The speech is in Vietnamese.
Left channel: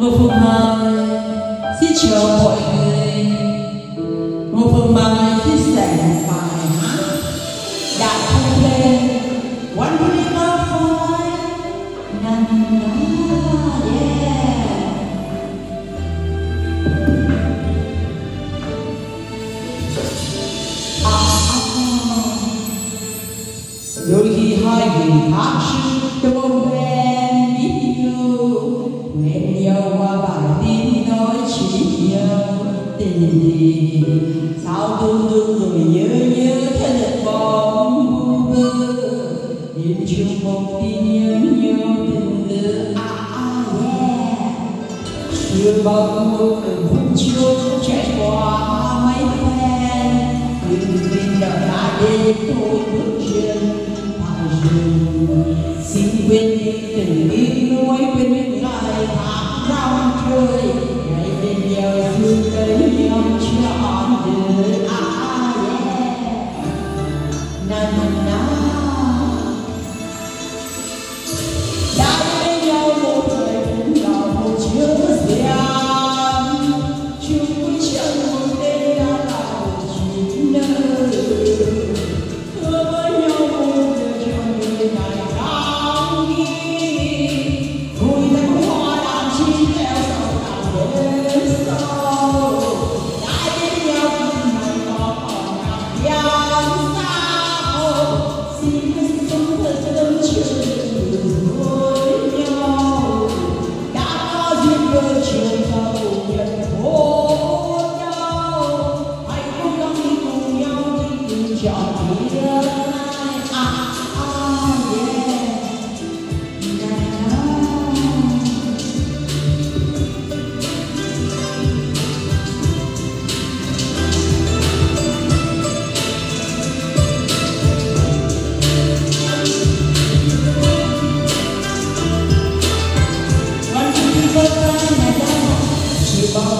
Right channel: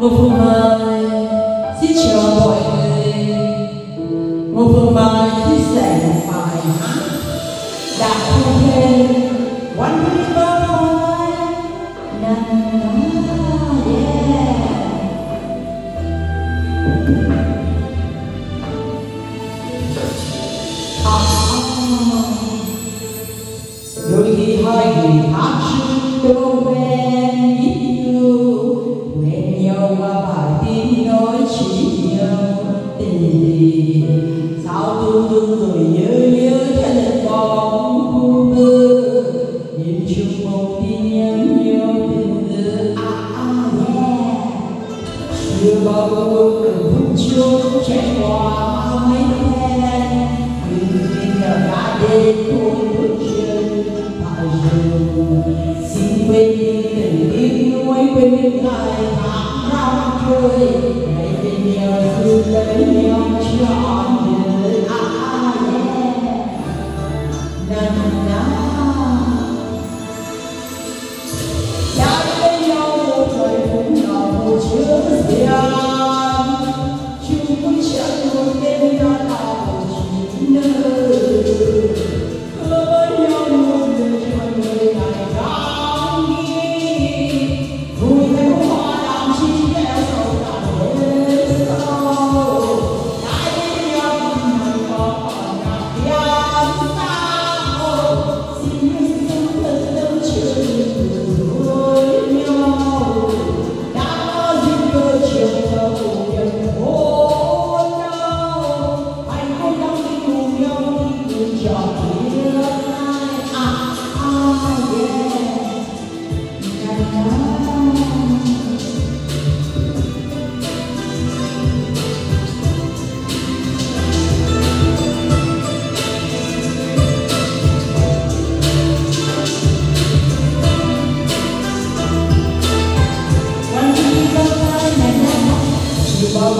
Một phương mai xin chào mọi người. Một phương mai thích giảng bài hát đã thu lên One River Boy nằm đó, yeah. Đôi khi hai người hát chưa quen biết nhau, quen nhau qua bài tin nói chuyện tình sao tuôn tuôn rồi nhớ thân bóng vu vơ nhìn chung một tin nhắn nhau từ chưa bao lâu từng phút chung trải qua mấy phen nhưng bây giờ đã đến thôi bước chân phải dừng xin quên đi từng tiếng nói quên những ngày tháng năm chơi ngày bên nhau cứ lấy nhau trọn đời na na na đã bên nhau một thời cũng là một chứa gian chung với chẳng một đêm đã là một chuyện nơi thưa với nhau một đời cho người ngày tháng đi vui nắng hoa đàn chim theo sầu đàn đến sau đã bên nhau cùng ngày có còn gian sao xin hãy sống thật tâm trường với nhau đã có duyên cơ trường thơ cùng nhận hôn nhau hãy cố gắng đi cùng nhau đi từ trọn thiên yeah. Chỉ bao